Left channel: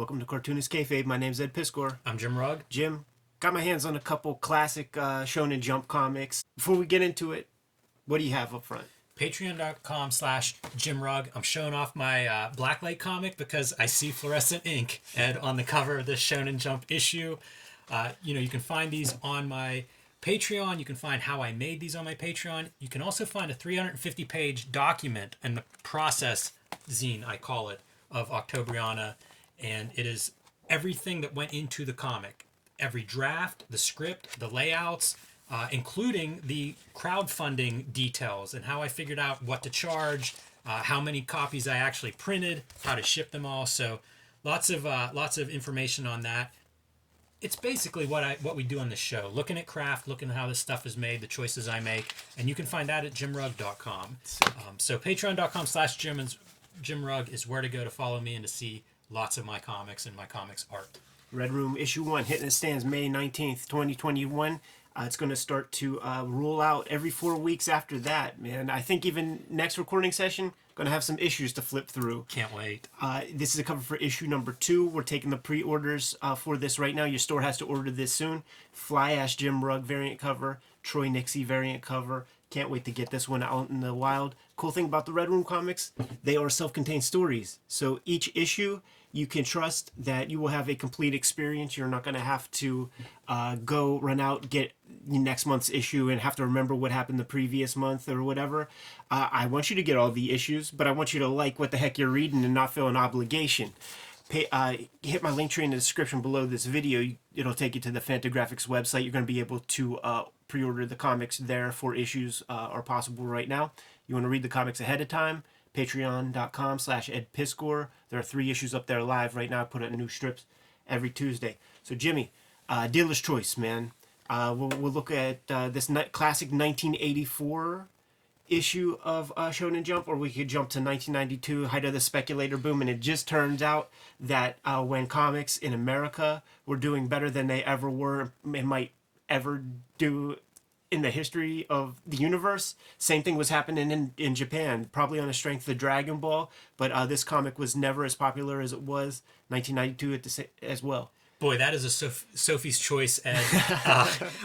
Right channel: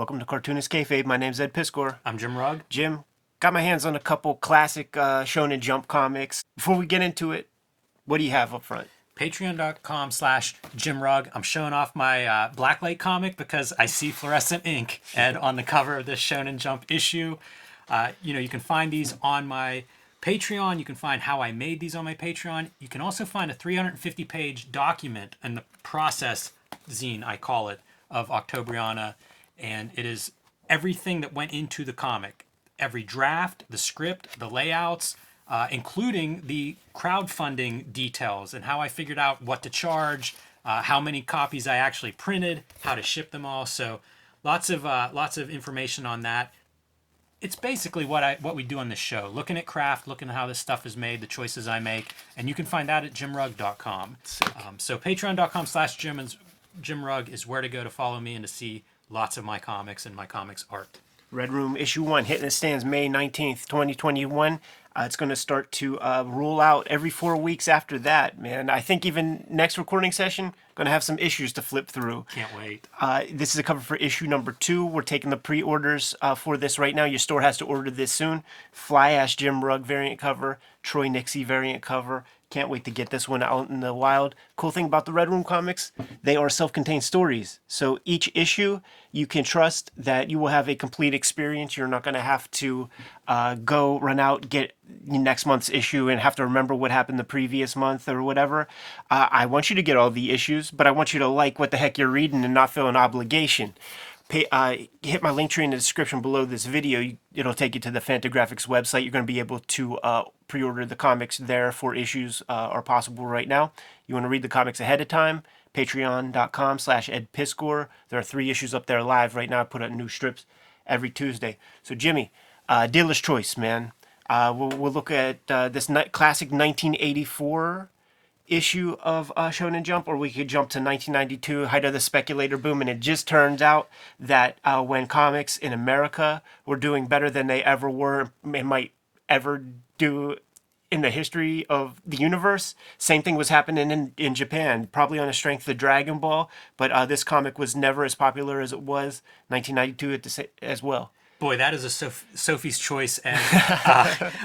Welcome to Cartoonist Kayfabe. My name's Ed Piskor. I'm Jim Rugg. Jim, got my hands on a couple classic Shonen Jump comics. Before we get into it, what do you have up front? Patreon.com/Jim Rugg. I'm showing off my Blacklight comic because I see fluorescent ink, Ed, on the cover of this Shonen Jump issue. You can find these on my Patreon. You can find how I made these on my Patreon. You can also find a 350-page document in the process zine, I call it, of Octobriana. And it is everything that went into the comic. Every draft, the script, the layouts, including the crowdfunding details and how I figured out what to charge, how many copies I actually printed, how to ship them all. So lots of information on that. It's basically what we do on this show. Looking at craft, looking at how this stuff is made, the choices I make. And you can find that at jimrugg.com. So patreon.com/Jim Rugg is where to go to follow me and to see lots of my comics and my comics art. Red Room Issue 1, hitting the stands May 19th, 2021. It's going to start to roll out every 4 weeks after that, man. I think even next recording session, going to have some issues to flip through. Can't wait. This is a cover for issue number 2. We're taking the pre-orders for this right now. Your store has to order this soon. Fly Ash Jim Rugg variant cover, Troy Nixie variant cover. Can't wait to get this one out in the wild. Cool thing about the Red Room comics, they are self-contained stories. So each issue, you can trust that you will have a complete experience. You're not going to have to go run out, get next month's issue and have to remember what happened the previous month or whatever. I want you to get all the issues, but I want you to like what the heck you're reading and not feel an obligation. Hit my link tree in the description below this video. It'll take you to the Fantagraphics website. You're going to be able to pre-order the comics there. 4 issues are possible right now. You want to read the comics ahead of time? Patreon.com/Ed Piskor. There are 3 issues up there live right now. I put out new strips every Tuesday. So Jimmy, dealer's choice, man. We'll look at this classic 1984 issue of Shonen Jump, or we could jump to 1992, height of the speculator boom, and it just turns out that when comics in America were doing better than they ever were and might ever do in the history of the universe, same thing was happening in Japan, probably on the strength of Dragon Ball, but this comic was never as popular as it was 1992 as well. Boy, that is a Sophie's choice, Ed.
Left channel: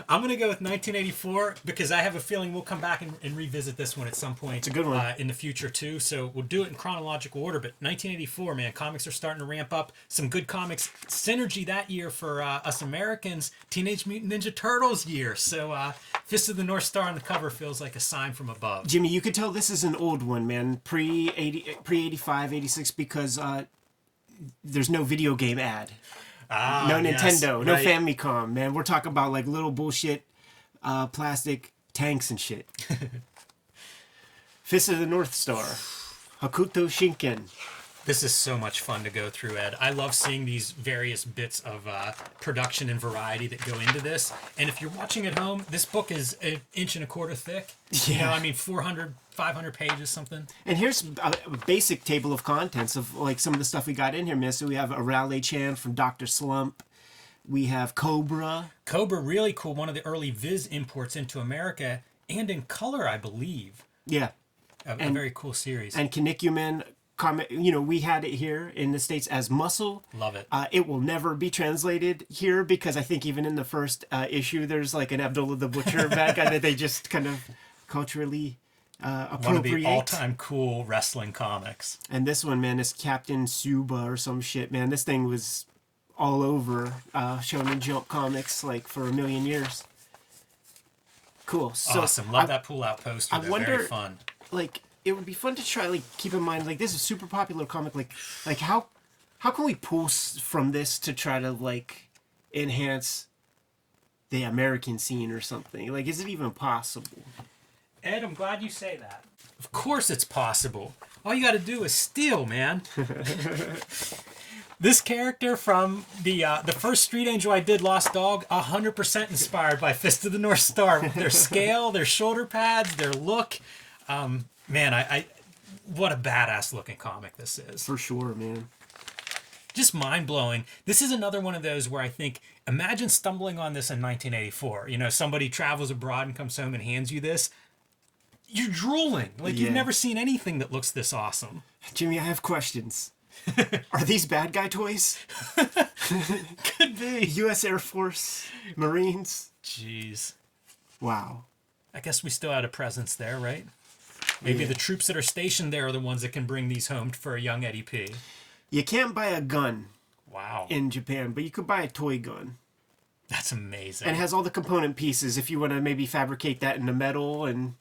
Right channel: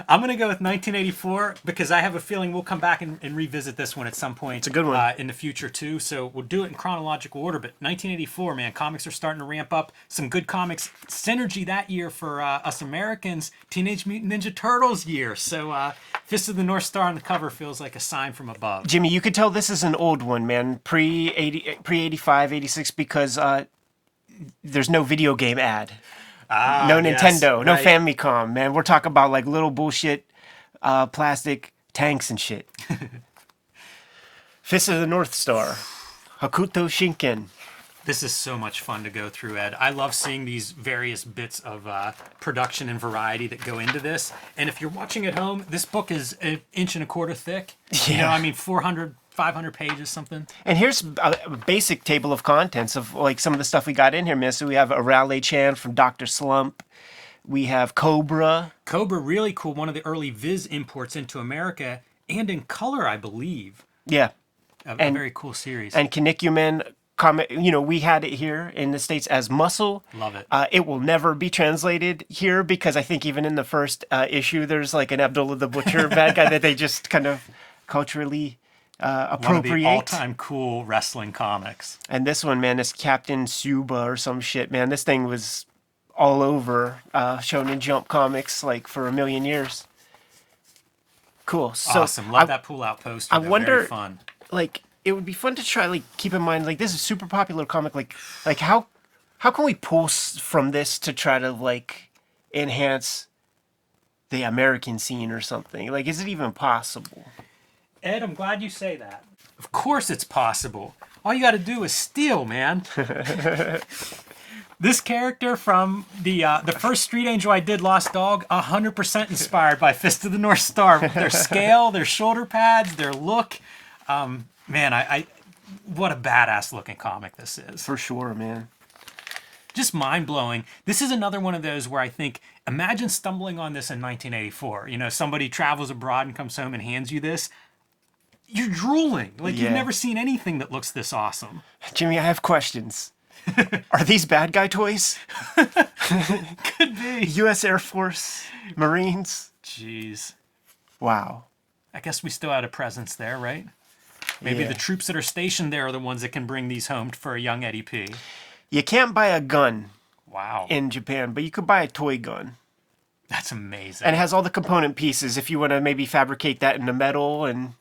I'm going to go with 1984 because I have a feeling we'll come back and revisit this one at some point. It's a good one. In the future, too. So we'll do it in chronological order. But 1984, man, comics are starting to ramp up. Some good comics. Synergy that year for us Americans. Teenage Mutant Ninja Turtles year. So Fist of the Northstar on the cover feels like a sign from above. Jimmy, you could tell this is an old one, man. Pre-85, 86, because there's no video game ad. No Nintendo, yes, no right. Famicom, man. We're talking about like little bullshit plastic tanks and shit. Fist of the Northstar, Hakuto Shinken. This is so much fun to go through, Ed. I love seeing these various bits of production and variety that go into this. And if you're watching at home, this book is 1.25 inches thick. Yeah. 400, 500 pages, something. And here's a basic table of contents of like some of the stuff we got in here, man. So we have Arale-chan from Dr. Slump. We have Cobra. Cobra, really cool. One of the early Viz imports into America and in color, I believe. Yeah. A very cool series. And Kinnikuman. Comic, we had it here in the States as Muscle. Love it. It will never be translated here because I think even in the first issue, there's like an Abdullah the Butcher bad guy that they just kind of culturally appropriate. One of the all-time cool wrestling comics. And this one, man, is Captain Suba or some shit, man. This thing was all over Shonen Jump comics like for a million years. Cool. So awesome. Love that pull-out poster. They're very fun. Like, it would be fun to try, like, keep in mind, like, this is a super popular comic. Like how can we pull from this to try to, like, enhance the American scene or something? Like, is it even possible? Ed, I'm glad you say that. Of course it's possible. All you got to do is steal, man. This character from the first Street Angel I did, Lost Dog, 100% inspired by Fist of the Northstar. Their scale, their shoulder pads, their look. Man, I what a badass looking comic this is. For sure, man. Just mind-blowing. This is another one of those where I think, imagine stumbling on this in 1984. Somebody travels abroad and comes home and hands you this. You're drooling. Like, you've never seen anything that looks this awesome. Jimmy, I have questions. Are these bad guy toys? Could be. U.S. Air Force, Marines. Jeez. Wow. I guess we still had a presence there, right? Maybe Yeah. the troops that are stationed there are the ones that can bring these home for a young Eddie P. You can't buy a gun Wow. in Japan, but you could buy a toy gun. That's amazing. And it has all the component pieces if you want to maybe fabricate that into metal and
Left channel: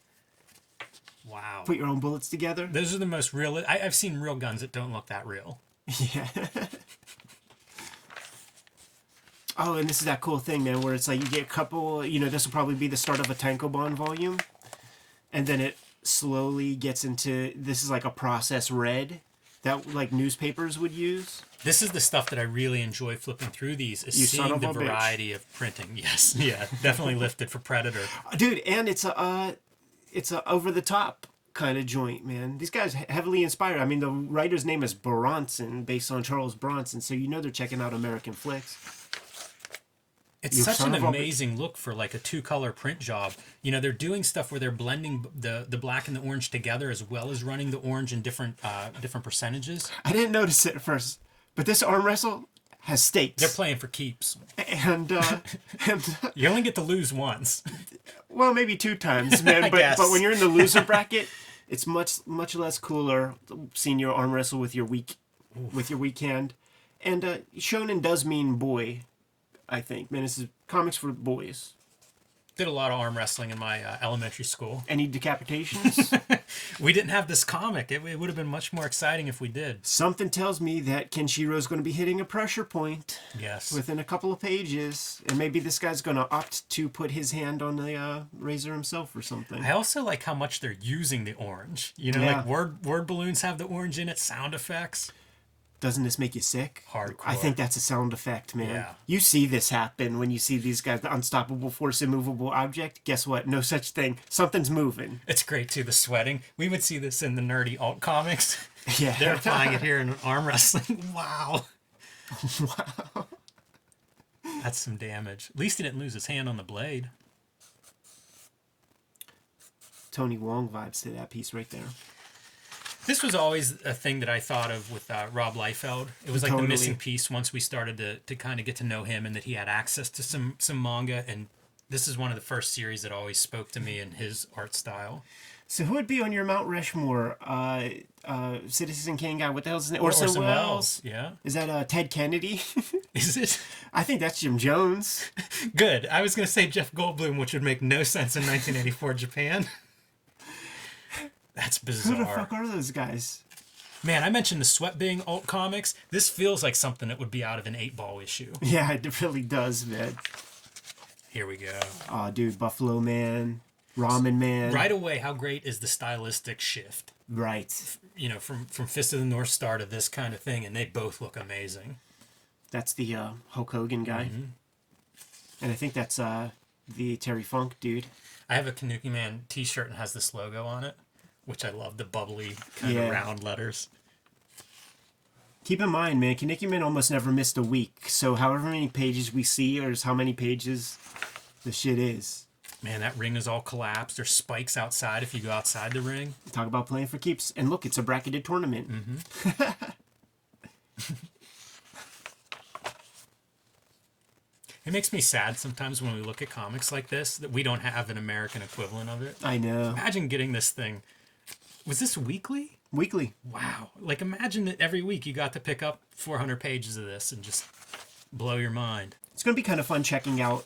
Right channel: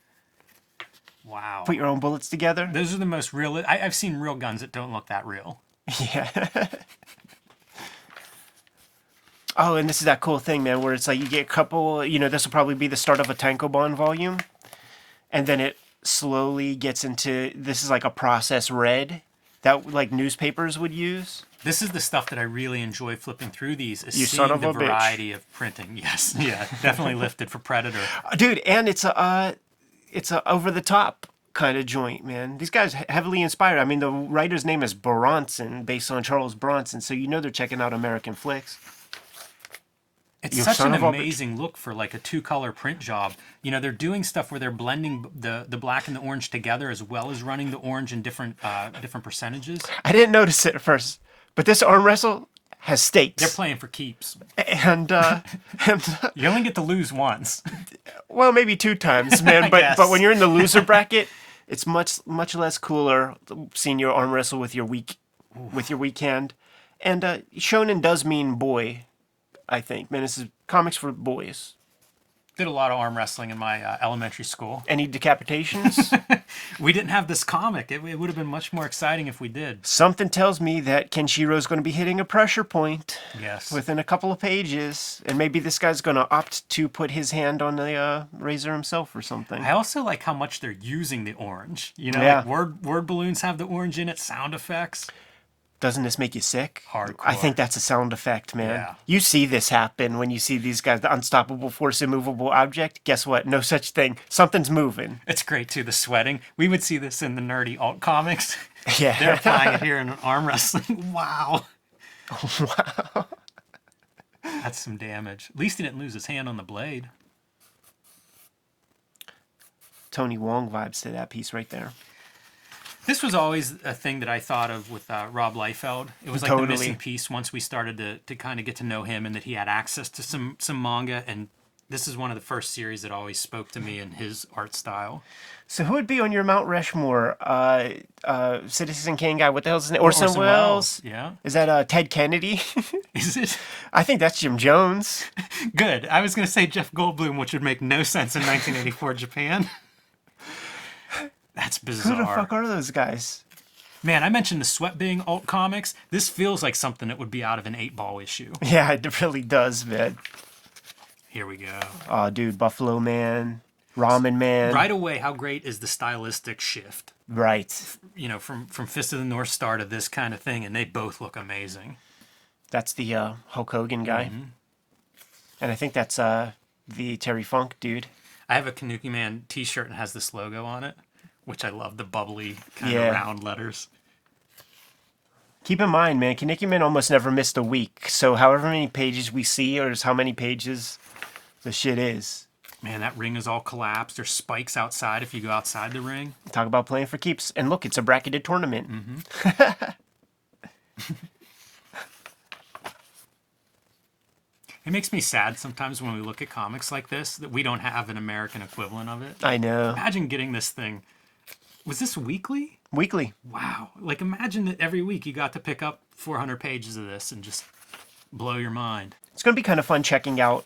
Wow. put your own bullets together. Those are the most real. I've seen real guns that don't look that real. Yeah. Oh, and this is that cool thing, man, where it's like you get a couple, this will probably be the start of a Tankobon volume. And then it slowly gets into, this is like a process red that like newspapers would use. This is the stuff that I really enjoy flipping through these, is You son seeing of the a bitch. variety of printing. Yes, yeah, definitely lifted for Predator. Dude, and it's a over the top kind of joint, man. These guys heavily inspired. I mean, the writer's name is Bronson, based on Charles Bronson, so you know they're checking out American flicks. It's You such son an of a bitch. amazing look for like a 2-color print job. They're doing stuff where they're blending the black and the orange together, as well as running the orange in different percentages. I didn't notice it at first, but this arm wrestle has stakes. They're playing for keeps. and You only get to lose once. well, maybe 2 times, man. I but guess. when you're in the loser bracket, it's much less cooler seeing your arm wrestle with your weak hand. And shonen does mean boy, I think. Man, this is comics for boys. Did a lot of arm wrestling in my elementary school. Any decapitations? We didn't have this comic. It would have been much more exciting if we did. Something tells me that Kenshiro's going to be hitting a pressure point Yes. within a couple of pages, and maybe this guy's going to opt to put his hand on the razor himself or something. I also like how much they're using the orange. Yeah. Like word balloons have the orange in it, sound effects. Doesn't this make you sick? Hardcore. I think that's a sound effect, man. Yeah. You see this happen when you see these guys, the unstoppable force, immovable object. Guess what? No such thing. Something's moving. It's great too, the sweating. We would see this in the nerdy alt comics. Yeah. They're applying it here in arm wrestling. Wow. Wow. That's some damage. At least he didn't lose his hand on the blade. Tony Wong vibes to that piece right there. This was always a thing that I thought of with Rob Liefeld. It was like Totally. the missing piece once we started to kind of get to know him, and that he had access to some manga. And this is one of the first series that always spoke to me in his art style. So who would be on your Mount Rushmore? Citizen Kane guy. What the hell is his name? Orson Welles. Yeah. Is that Ted Kennedy? Is it? I think that's Jim Jones. Good. I was going to say Jeff Goldblum, which would make no sense in 1984 Japan. That's bizarre. Who the fuck are those guys? Man, I mentioned the sweat being alt comics. This feels like something that would be out of an 8-ball issue. Yeah, it really does, man. Here we go. Oh, dude, Buffalo Man, Ramen Man. Right away, how great is the stylistic shift? Right. From Fist of the North Star to this kind of thing, and they both look amazing. That's the Hulk Hogan guy. Mm-hmm. And I think that's the Terry Funk dude. I have a Kinnikuman t-shirt and has this logo on it, which I love, the bubbly kind Yeah. of round letters. Keep in mind, man, Kinnikuman almost never missed a week. So however many pages we see is how many pages the shit is. Man, that ring is all collapsed. There's spikes outside if you go outside the ring. Talk about playing for keeps. And look, it's a bracketed tournament. It makes me sad sometimes when we look at comics like this that we don't have an American equivalent of it. I know. Imagine getting this thing. Was this weekly? Weekly. Wow. Like, imagine that every week you got to pick up 400 pages of this and just blow your mind. It's going to be kind of fun checking out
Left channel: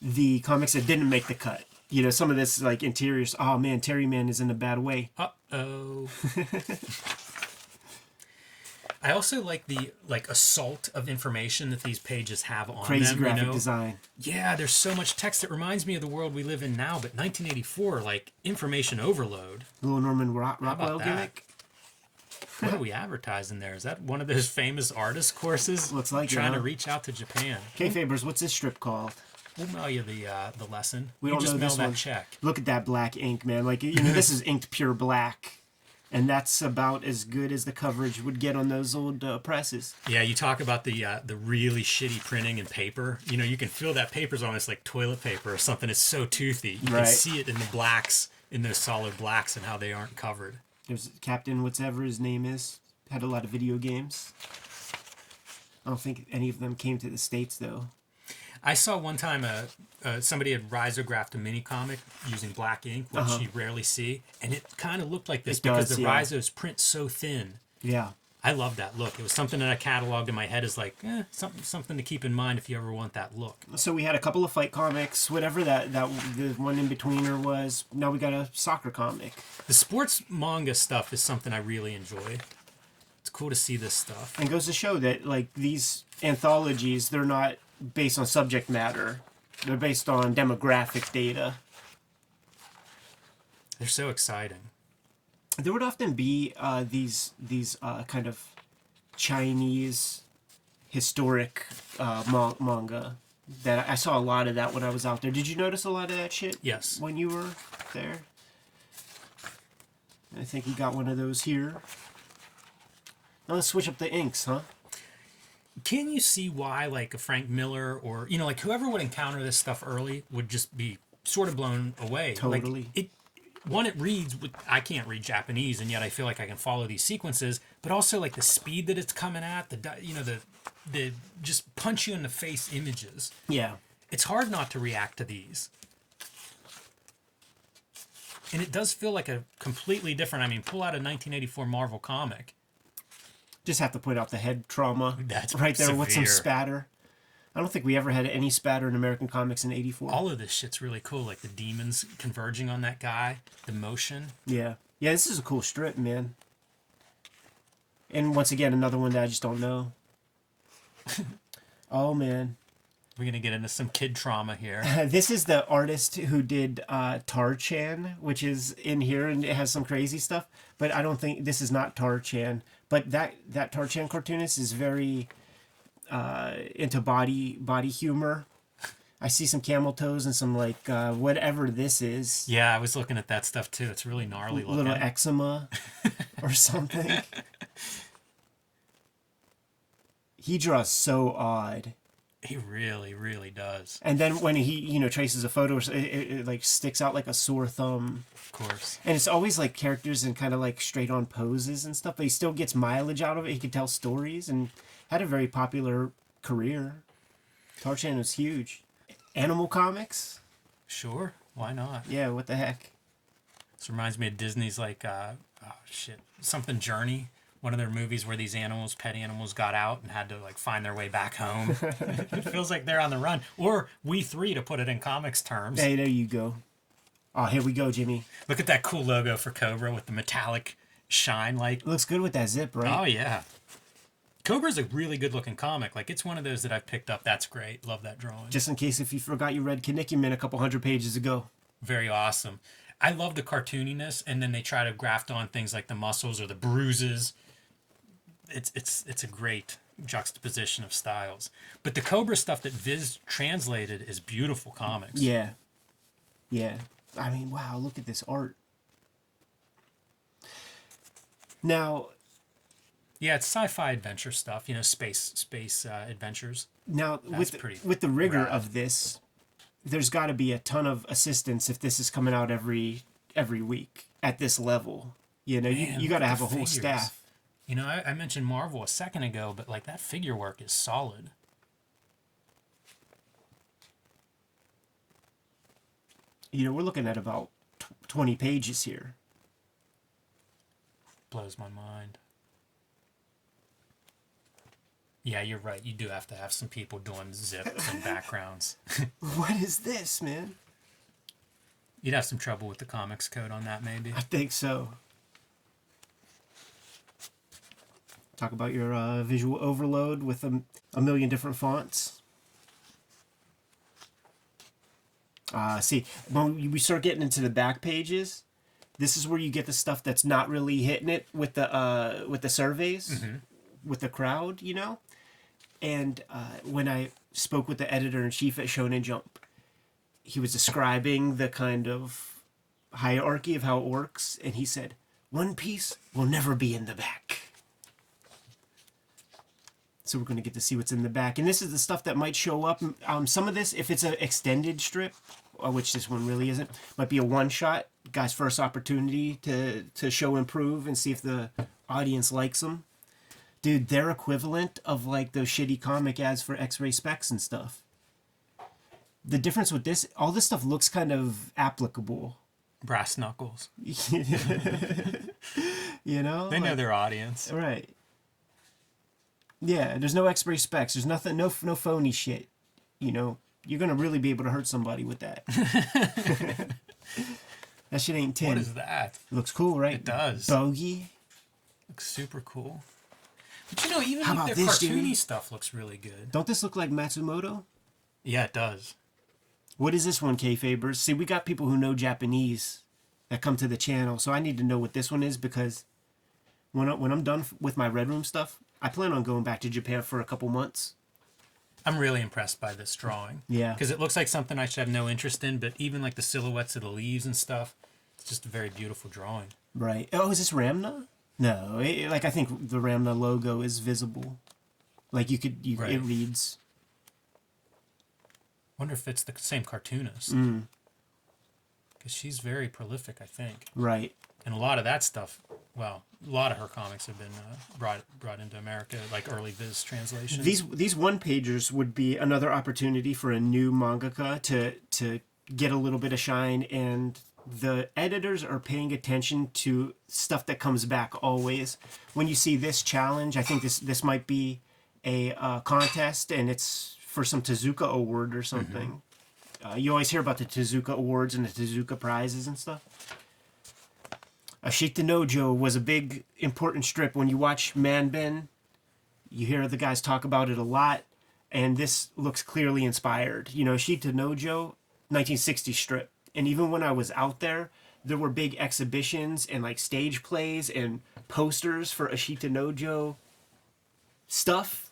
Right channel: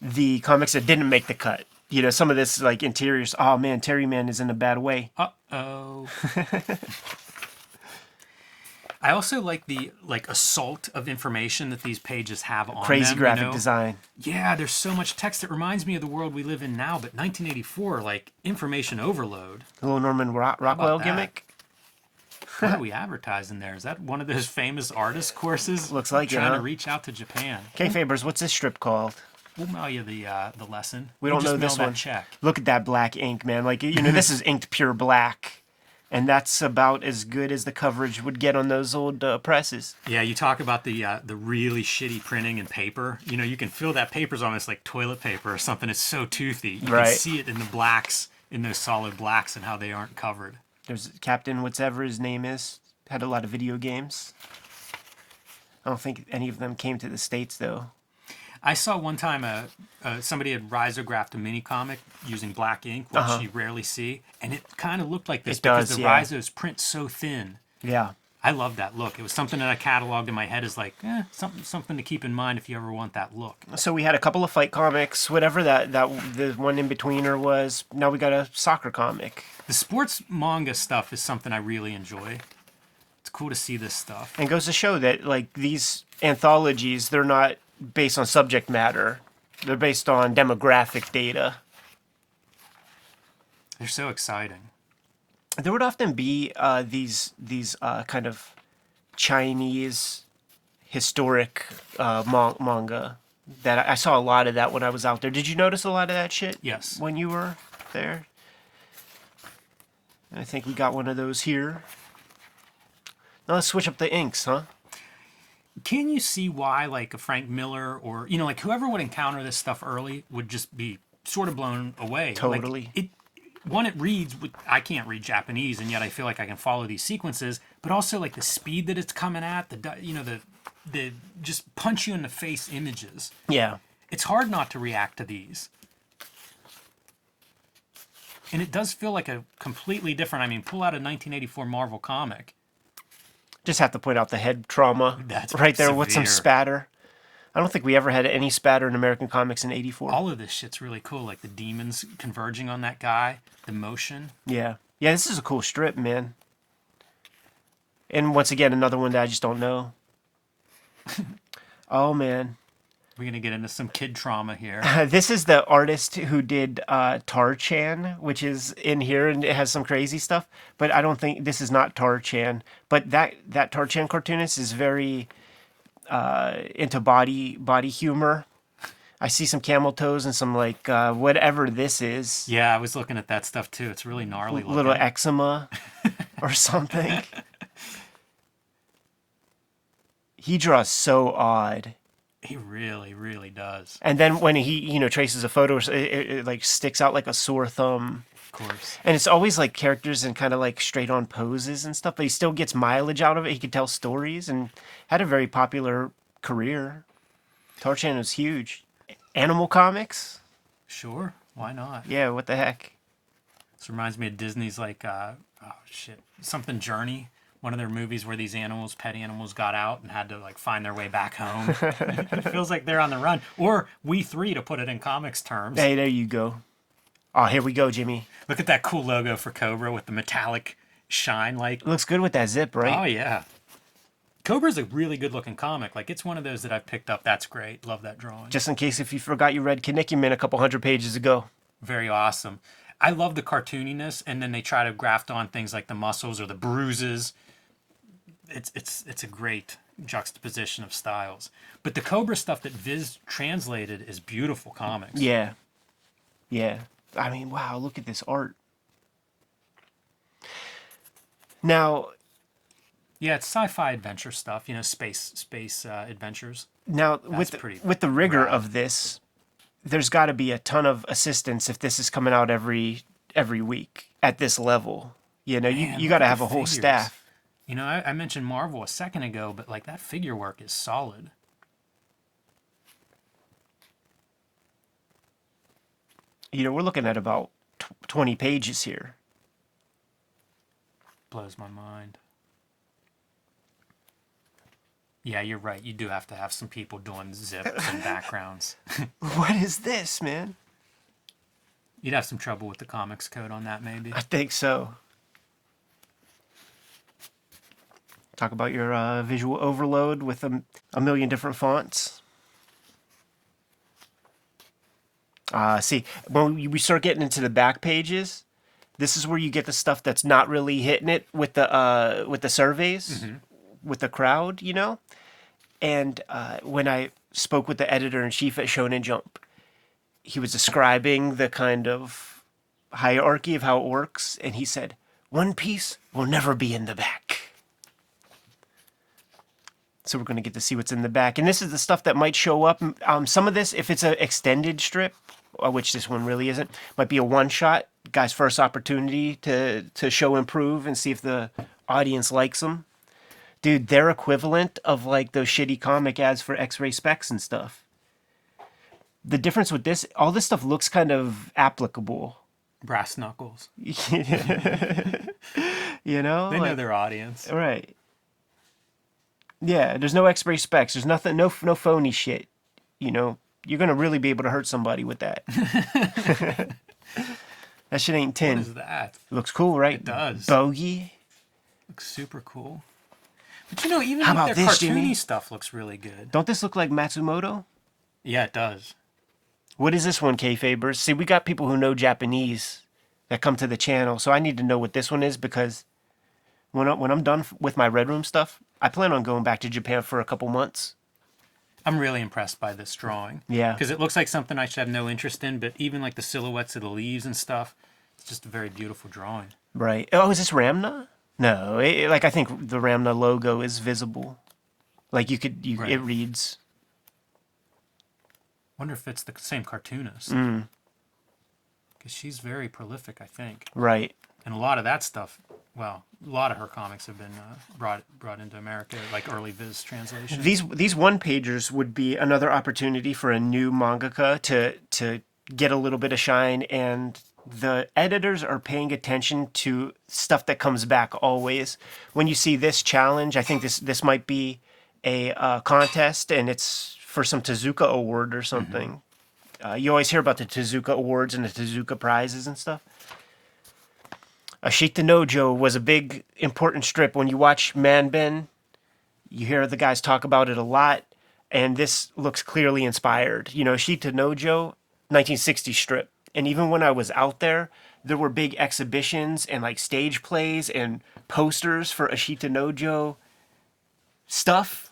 the comics that didn't make the cut. You know, some of this, like, interiors. Oh, man, Terry Man is in a bad way. Uh-oh. I also like the assault of information that these pages have on Crazy them. graphic you know? design. Yeah, there's so much text. It reminds me of the world we live in now, but 1984, like, information overload. Little Norman Rockwell that? gimmick. What are we advertising there? Is that one of those famous artist courses? Looks like it, trying huh? to reach out to Japan. Kayfabers, what's this strip called? We'll mail you the lesson. We You don't just know mail this that one. check. Look at that black ink, man. Like, you know, this is inked pure black. And that's about as good as the coverage would get on those old presses. Yeah, you talk about the really shitty printing and paper. You know, you can feel that paper's almost like toilet paper or something. It's so toothy. You Right. can see it in the blacks, in those solid blacks, and how they aren't covered. There's Captain whatever his name is. Had a lot of video games. I don't think any of them came to the States, though. I saw one time somebody had risographed a mini comic using black ink, which you rarely see, and it kind of looked like this because the Risos print so thin. Yeah. I love that look. It was something that I cataloged in my head as like, something to keep in mind if you ever want that look. So we had a couple of fight comics, whatever that the one in betweener was. Now we got a soccer comic. The sports manga stuff is something I really enjoy. It's cool to see this stuff. And it goes to show that like these anthologies, they're not based on subject matter. They're based on demographic data. They're so exciting. There would often be these kind of Chinese historic manga that I saw a lot of that when I was out there. Did you notice a lot of that shit? Yes. When you were there? I think we got one of those here. Now let's switch up the inks, huh? Can you see why like a Frank Miller or, like whoever would encounter this stuff early would just be sort of blown away? Totally. Like, it reads I can't read Japanese, and yet I feel like I can follow these sequences, but also like the speed that it's coming at, the just punch you in the face images. Yeah. It's hard not to react to these. And it does feel like a completely different, pull out a 1984 Marvel comic. Just have to point out the head trauma. That's right there with some severe. spatter. I don't think we ever had any spatter in American comics in '84. All of this shit's really cool, like the demons converging on that guy, the motion. Yeah. Yeah, this is a cool strip, man. And once again, another one that I just don't know. Oh, man. We're going to get into some kid trauma here. This is the artist who did Tar-chan, which is in here, and it has some crazy stuff. But I don't think this is not Tar-chan. But that Tar-chan cartoonist is very into body humor. I see some camel toes and some like whatever this is. Yeah, I was looking at that stuff too. It's really gnarly looking. Little eczema or something. He draws so odd. He really, really does. And then when he, traces a photo, it like sticks out like a sore thumb. Of course. And it's always like characters in kind of like straight on poses and stuff, but he still gets mileage out of it. He can tell stories and had a very popular career. Tar-chan was huge. Animal comics? Sure. Why not? Yeah, what the heck? This reminds me of Disney's like, something Journey. One of their movies where these pet animals got out and had to like find their way back home. It feels like they're on the run. Or We Three, to put it in comics terms. Hey, there you go. Oh, here we go, Jimmy. Look at that cool logo for Cobra with the metallic shine. Like, Looks good with that zip, right? oh yeah. Cobra's a really good looking comic. Like, it's one of those that I've picked up. That's great. Love that drawing. Just in case if you forgot you read Kinnikuman a couple hundred pages ago. Very awesome. I love the cartooniness, and then they try to graft on things like the muscles or the bruises. It's a great juxtaposition of styles. But the Cobra stuff that Viz translated is beautiful comics. Yeah. Yeah. I mean, wow, look at this art. Now, yeah, it's sci-fi adventure stuff, space adventures. Now, with the rigor rad. of this, there's got to be a ton of assistance if this is coming out every week at this level. Man, you look got to at have the a whole figures. staff. I mentioned Marvel a second ago, but like that figure work is solid. We're looking at about 20 pages here. Blows my mind. Yeah, you're right. You do have to have some people doing zips and backgrounds. What is this, man? You'd have some trouble with the comics code on that, maybe. I think so. Talk about your visual overload with a million different fonts. See, when we start getting into the back pages, this is where you get the stuff that's not really hitting it with the surveys, with the crowd, And when I spoke with the editor-in-chief at Shonen Jump, he was describing the kind of hierarchy of how it works, and he said, One Piece will never be in the back. So we're going to get to see what's in the back. And this is the stuff that might show up. Some of this, if it's an extended strip, which this one really isn't, might be a one-shot. Guy's first opportunity to show improve and see if the audience likes them. Dude, they're equivalent of like those shitty comic ads for X-ray specs and stuff. The difference with this, all this stuff looks kind of applicable. Brass knuckles. You know? They know their audience. Right. Yeah, there's no X-ray specs. There's nothing, no phony shit. You know, you're gonna really be able to hurt somebody with that. That shit ain't tin. What is that? Looks cool, right? It does. Bogey. Looks super cool. But you know, even How like about their this, cartoony Jimmy? stuff looks really good. Don't this look like Matsumoto? Yeah, it does. What is this one, Kayfabers? See, we got people who know Japanese that come to the channel, so I need to know what this one is because when I'm done with my Red Room stuff, I plan on going back to Japan for a couple months. I'm really impressed by this drawing. Yeah. Because it looks like something I should have no interest in, but even like the silhouettes of the leaves and stuff, it's just a very beautiful drawing. Right. Oh, is this Ramna? No, like I think the Ramna logo is visible. Like Right. it reads. Wonder if it's the same cartoonist. Because she's very prolific, I think. Right. And a lot of that stuff, well, a lot of her comics have been brought into America, like early Viz translations. These one-pagers would be another opportunity for a new mangaka to get a little bit of shine, and the editors are paying attention to stuff that comes back always. When you see this challenge, I think this might be a contest, and it's for some Tezuka award or something. You always hear about the Tezuka awards and the Tezuka prizes and stuff. Ashita Nojo was a big, important strip. When you watch Manben, you hear the guys talk about it a lot, and this looks clearly inspired. You know, Ashita Nojo, 1960 strip. And even when I was out there, there were big exhibitions and like stage plays and posters for Ashita Nojo stuff.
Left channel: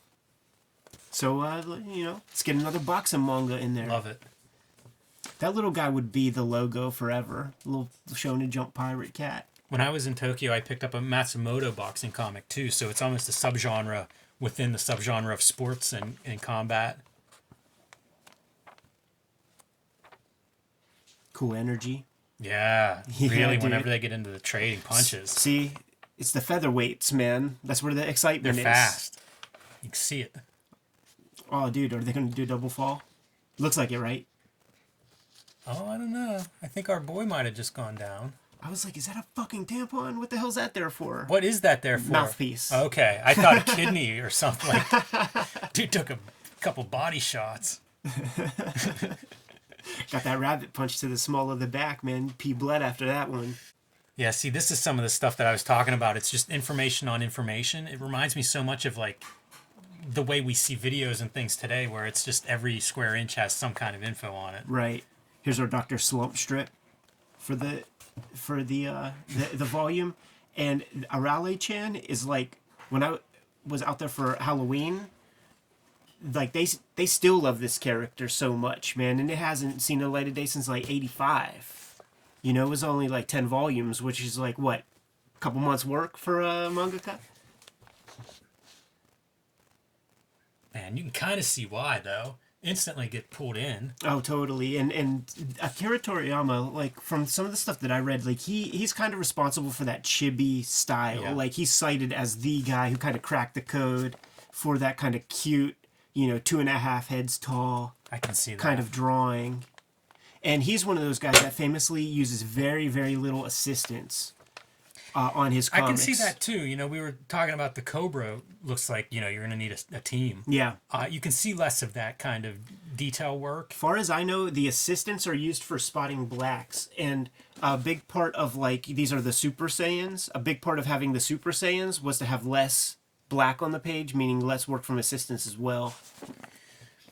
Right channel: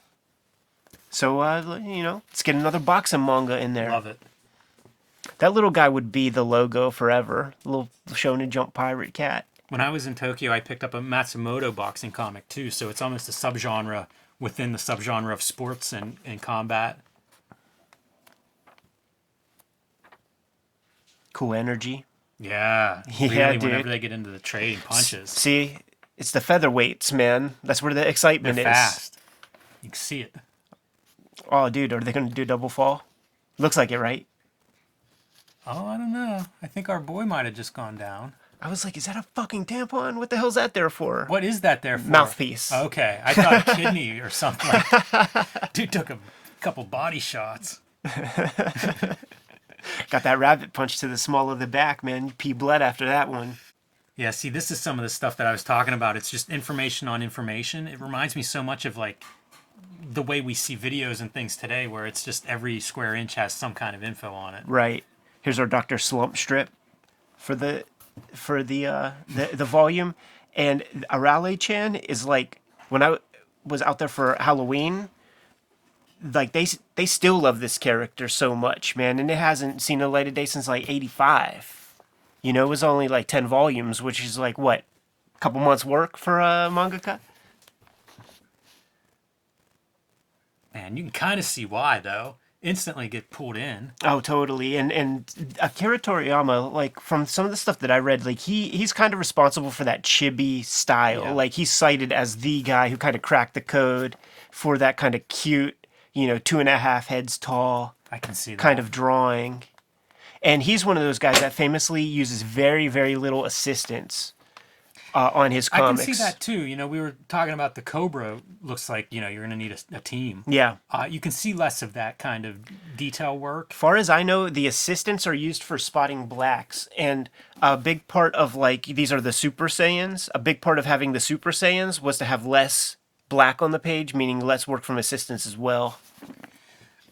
So, you know, let's get another boxing manga in there. Love it. That little guy would be the logo forever. Little Shonen Jump pirate cat. When I was in Tokyo, I picked up a Matsumoto boxing comic too, so it's almost a subgenre within the subgenre of sports and combat. Cool energy. Yeah, Yeah, really, dude. whenever they get into the trading punches. See, it's the featherweights, man. That's where the They're excitement is. fast. You can see it. Oh, dude, are they going to do double fall? Looks like it, right? Oh, I don't know. I think our boy might have just gone down. I was like, is that a fucking tampon? What the hell's that there for? What is that there for? Mouthpiece. Okay, I thought a kidney or something like that. Dude took a couple body shots. Got that rabbit punch to the small of the back, man. You pee blood after that one. Yeah, see, this is some of the stuff that I was talking about. It's just information on information. It reminds me so much of like the way we see videos and things today, where it's just every square inch has some kind of info on it. Right. Here's our Dr. Slump strip for the volume. And Arale-chan is like, when I was out there for Halloween, like they still love this character so much, man. And it hasn't seen a light of day since like 85. You know, it was only like 10 volumes, which is like, what, a couple months work for a mangaka? Man, you can kind of see why, though. Instantly get pulled in. Oh, totally. And Akira Toriyama, like from some of the stuff that I read, like he's kind of responsible for that chibi style. Yeah. Like he's cited as the guy who kind of cracked the code for that kind of cute, you know, 2.5 heads tall I can see that. kind of drawing. And he's one of those guys that famously uses very, very little assistance on his comics. I can see that too. You know, we were talking about the Cobra. Looks like, you know, you're going to need a team. Yeah. You can see less of that kind of detail work. Far as I know, the assistants are used for spotting blacks, and a big part of like these are the Super Saiyans. A big part of having the Super Saiyans was to have less black on the page, meaning less work from assistants as well.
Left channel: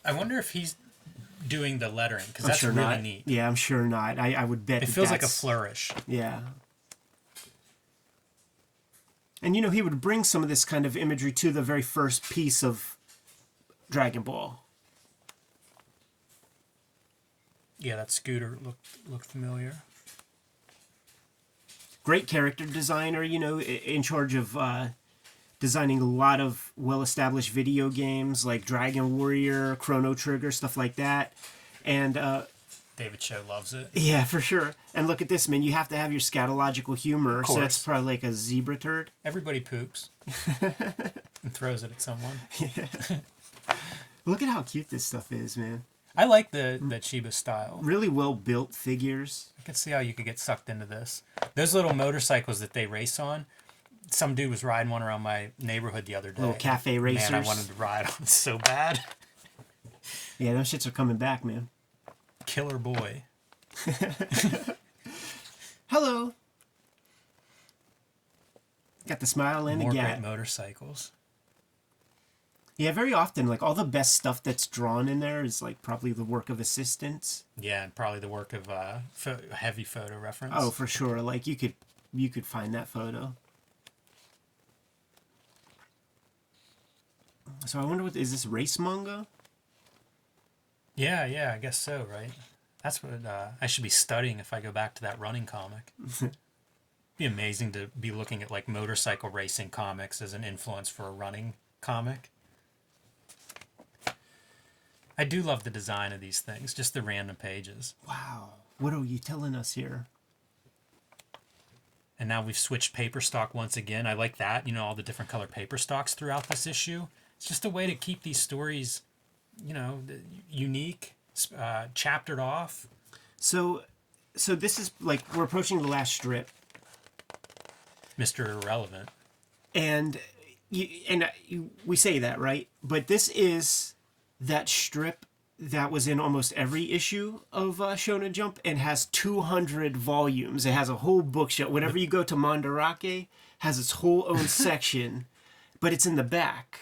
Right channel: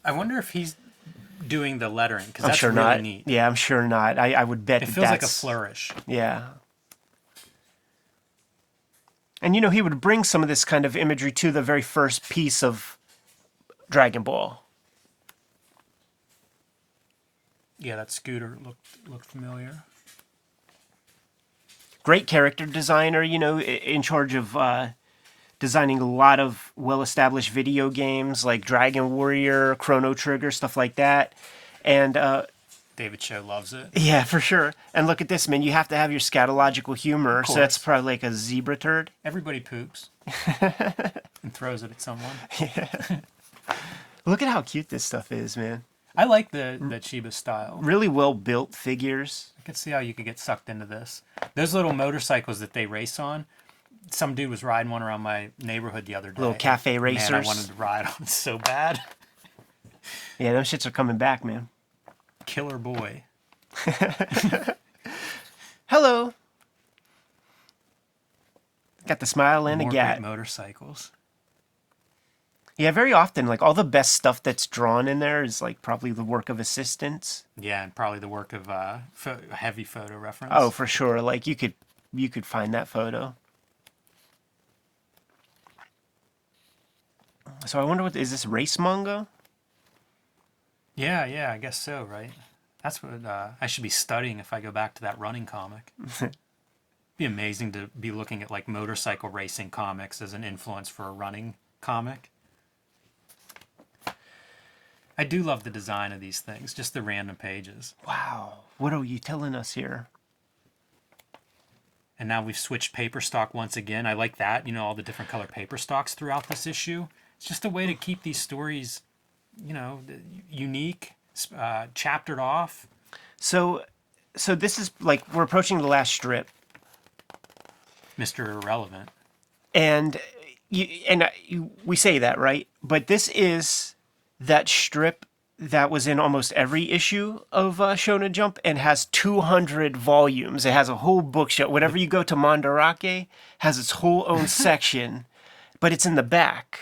I wonder if he's doing the lettering, because that's sure really not. neat. Yeah, I'm sure not. I would bet It feels like a that's- flourish. Yeah. And you know, he would bring some of this kind of imagery to the very first piece of Dragon Ball. Yeah, that scooter looked familiar. Great character designer, you know, in charge of designing a lot of well-established video games like Dragon Warrior, Chrono Trigger, stuff like that. And David Cho loves it. Yeah, for sure. And look at this, man. You have to have your scatological humor. So that's probably like a zebra turd. Everybody poops and throws it at someone. Look at how cute this stuff is, man. I like the Chiba style. Really well built figures. I could see how you could get sucked into this. Those little motorcycles that they race on. Some dude was riding one around my neighborhood the other day. Little cafe racers. Man, I wanted to ride on so bad. Yeah, those shits are coming back, man. Killer boy. Hello. Got the smile and More a great gat. motorcycles. Yeah, very often, like all the best stuff that's drawn in there is like probably the work of assistants. Yeah, and probably the work of heavy photo reference. Oh, for sure. Like you could find that photo. So I wonder is this race manga? Yeah, I guess so, right? That's what I should be studying if I go back to that running comic. Be amazing to be looking at like motorcycle racing comics as an influence for a running comic. I do love the design of these things, just the random pages. Wow. What are you telling us here? And now we've switched paper stock once again. I like that, all the different color paper stocks throughout this issue. It's just a way to keep these stories, unique, chaptered off. So this is like we're approaching the last strip, Mr. Irrelevant. and we say that, right? But this is that strip that was in almost every issue of Shonen Jump and has 200 volumes. It has a whole bookshelf. Whenever you go to Mandarake, has its whole own section, but it's in the back.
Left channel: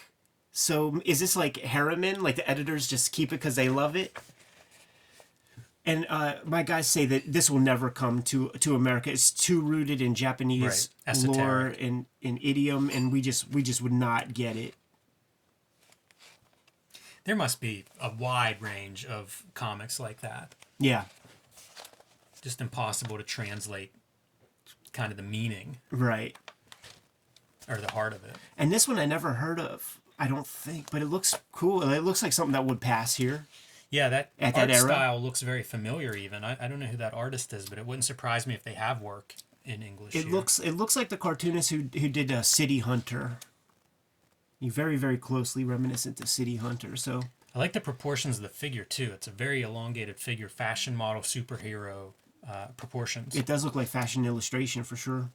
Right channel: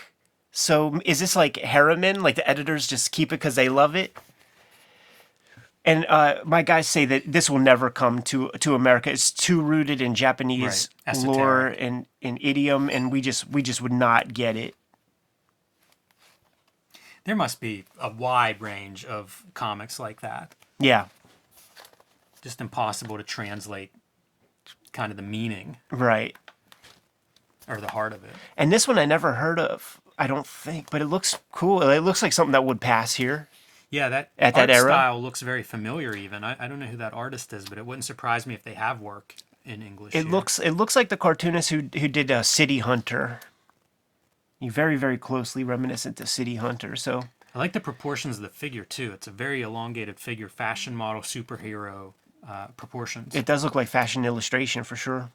So is this like Harriman? Like the editors just keep it because they love it? And my guys say that this will never come to America. It's too rooted in Japanese lore and in idiom, and we just would not get it. There must be a wide range of comics like that. Yeah. Just impossible to translate kind of the meaning. Right. Or the heart of it. And this one I never heard of, I don't think, but it looks cool. It looks like something that would pass here. Yeah, that At art that era? style looks very familiar even. I don't know who that artist is, but it wouldn't surprise me if they have work in English It here. looks like the cartoonist who did City Hunter. You very, very closely reminiscent to City Hunter. So I like the proportions of the figure too. It's a very elongated figure, fashion model, superhero proportions. it does look like fashion illustration for sure.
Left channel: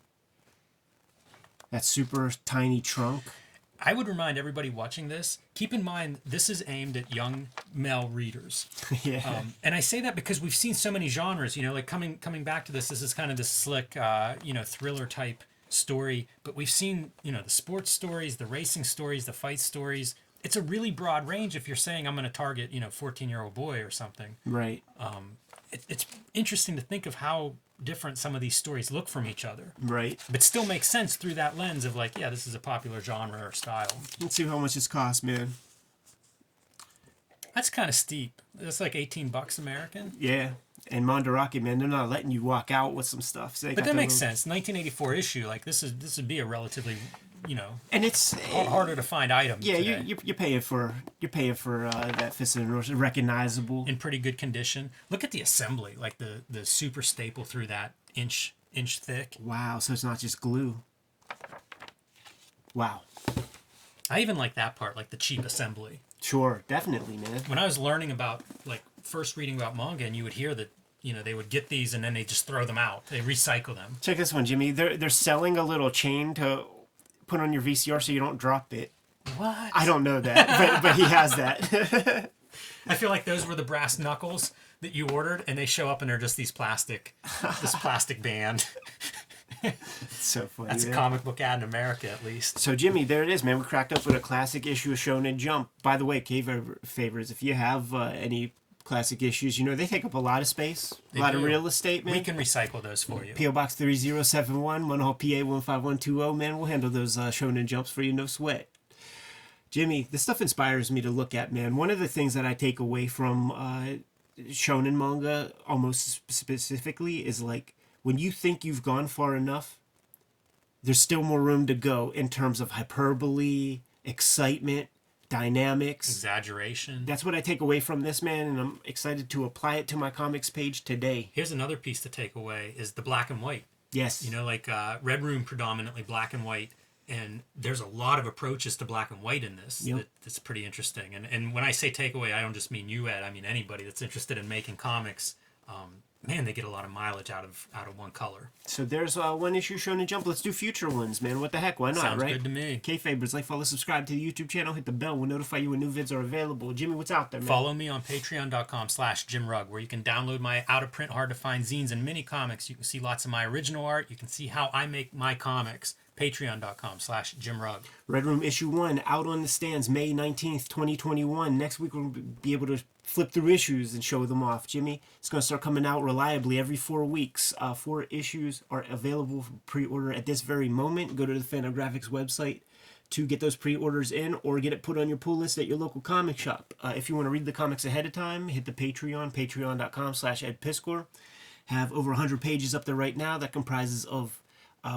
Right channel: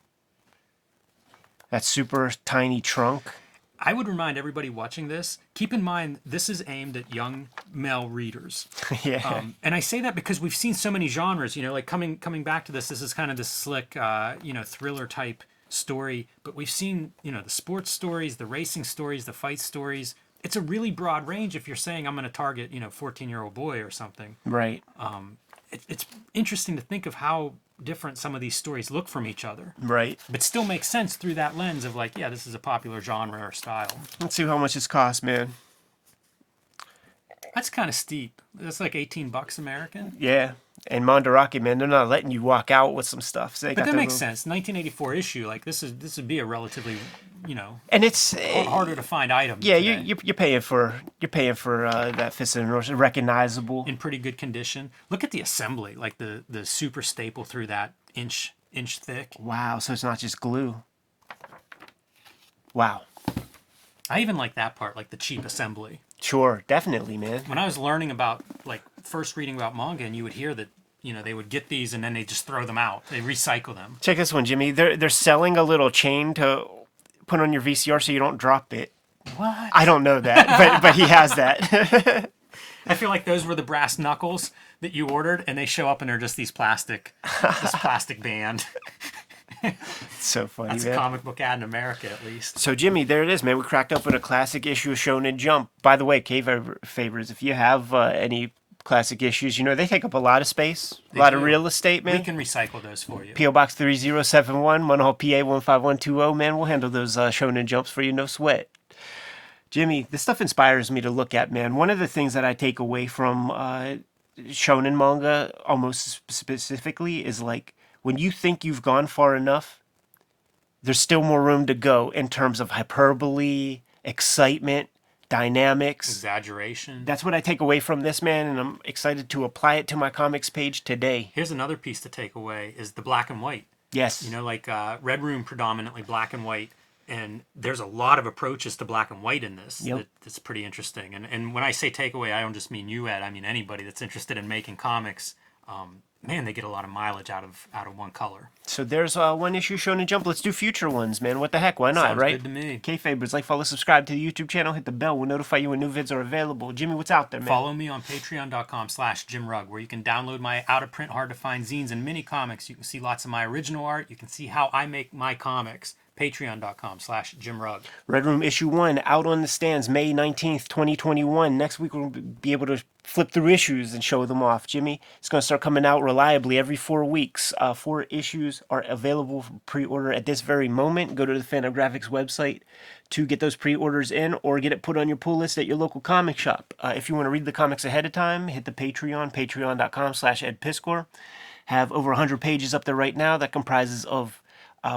That super tiny trunk. I would remind everybody watching this, keep in mind this is aimed at young male readers. Yeah. And I say that because we've seen so many genres, like coming back to this is kind of this slick, thriller type story. But we've seen, the sports stories, the racing stories, the fight stories. It's a really broad range if you're saying I'm going to target, 14-year-old boy or something. Right. It's interesting to think of how different some of these stories look from each other. Right. But still make sense through that lens of like, yeah, this is a popular genre or style. Let's see how much this costs, man. That's kind of steep. That's like $18 American. Yeah. And Mandarake, man, they're not letting you walk out with some stuff. So But that makes sense. 1984 issue, like this would be a relatively, and it's harder to find item. Yeah, today. you're paying for that Fist of the North, recognizable. In pretty good condition. Look at the assembly, like the super staple through that inch thick. Wow, so it's not just glue. Wow. I even like that part, like the cheap assembly. Sure, definitely, man. When I was learning about, like, first reading about manga, and you would hear that, they would get these and then they just throw them out. They recycle them. Check this one, Jimmy. They're selling a little chain to put on your VCR so you don't drop it. What? I don't know that, but he has that. I feel like those were the brass knuckles that you ordered, and they show up and they're just this plastic band. It's so funny. That's man. a comic book ad in America, at least. So, Jimmy, there it is, man. We cracked open a classic issue of Shonen Jump. By the way, Kayfabe, if you have any classic issues, they take up a lot of space, a lot of real estate, man. We can recycle those for you. P.O. Box 3071, Munhall, PA 15120, man. We'll handle those Shonen Jumps for you, no sweat. Jimmy, this stuff inspires me to look at, man. One of the things that I take away from Shonen manga, almost specifically, is like, when you think you've gone far enough, there's still more room to go in terms of hyperbole, excitement. dynamics, exaggeration. That's what I take away from this, man, and I'm excited to apply it to my comics page today. Here's another piece to take away is the black and white. Yes. You know, like Red Room predominantly black and white, and there's a lot of approaches to black and white in this. Yep. That's pretty interesting. And when I say takeaway, I don't just mean you, Ed. I mean anybody that's interested in making comics. Man, they get a lot of mileage out of one color. So there's one issue Shonen Jump. Let's do future ones, man. What the heck? Why not, Sounds right? good to me. Kayfabers, like, follow, subscribe to the YouTube channel. Hit the bell. We'll notify you when new vids are available. Jimmy, what's out there, man? Follow me on patreon.com/JimRugg, where you can download my out-of-print, hard-to-find zines and mini comics. You can see lots of my original art. You can see how I make my comics. Patreon.com/JimRugg. Red Room issue 1 out on the stands May 19th, 2021. Next week we'll be able to flip through issues and show them off. Jimmy, it's going to start coming out reliably every 4 weeks. 4 issues are available for pre-order at this very moment. Go to the Fantagraphics website to get those pre-orders in or get it put on your pull list at your local comic shop. If you want to read the comics ahead of time, hit the Patreon, patreon.com/EdPiskor. Have over 100 pages up there right now that comprises of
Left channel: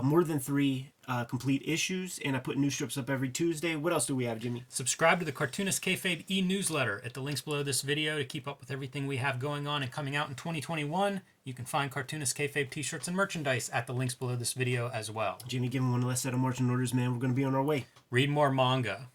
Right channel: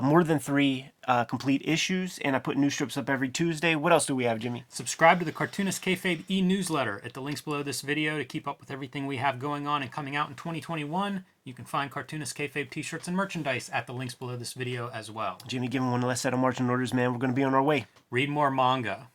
more than 3 complete issues, and I put new strips up every Tuesday. What else do we have, Jimmy? Subscribe to the Cartoonist Kayfabe e-newsletter at the links below this video to keep up with everything we have going on and coming out in 2021. You can find Cartoonist Kayfabe t-shirts and merchandise at the links below this video as well. Jimmy, give him one last set of marching orders, man. We're going to be on our way. Read more manga.